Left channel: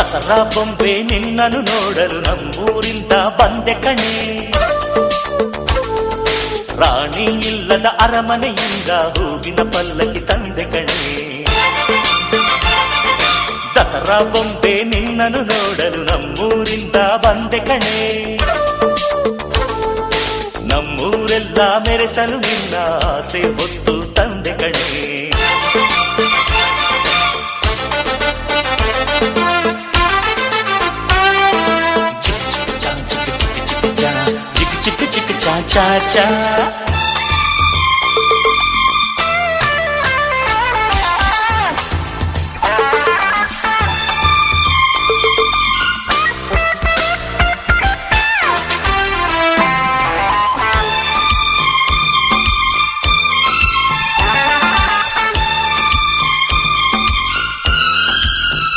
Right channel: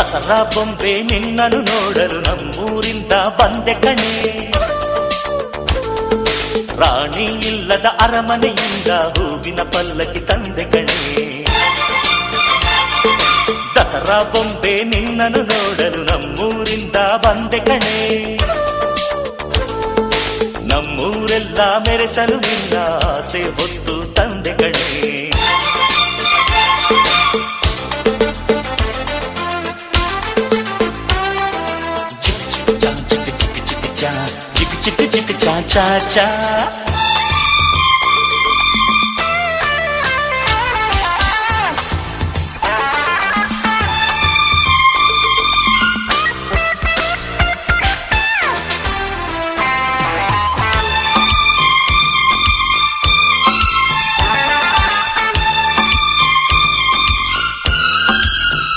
ದಸರಾ ಬೊಂಬೆ ನಿನ್ನನ್ನು ನೋಡಲು ನಮ್ಮೂರಿಂದ ಬಂದೆ ಕಣೆ. ರಾಣಿ ಇಲ್ಲದ ಅರಮನೆಯಿಂದ ಹೂವಿನ ಪಲ್ಲಕ್ಕಿ ತಂದೆ ಕಣೆ. ದಸರಾ ಬೊಂಬೆ ನಿನ್ನನ್ನು ನೋಡಲು ನಮ್ಮೂರಿಂದ ಬಂದೆ ಕಣೆ. ನಮ್ಮೂರೆಲ್ಲ ಮೆರೆಸಲು ನಿನ್ನ ಆಸೆ ಹೊತ್ತು ತಂದೆ ಕಣೆ. ಚಿಕ್ ಚಿಕ್ ಚಾ ಚಾ ಚಾ ಚಾ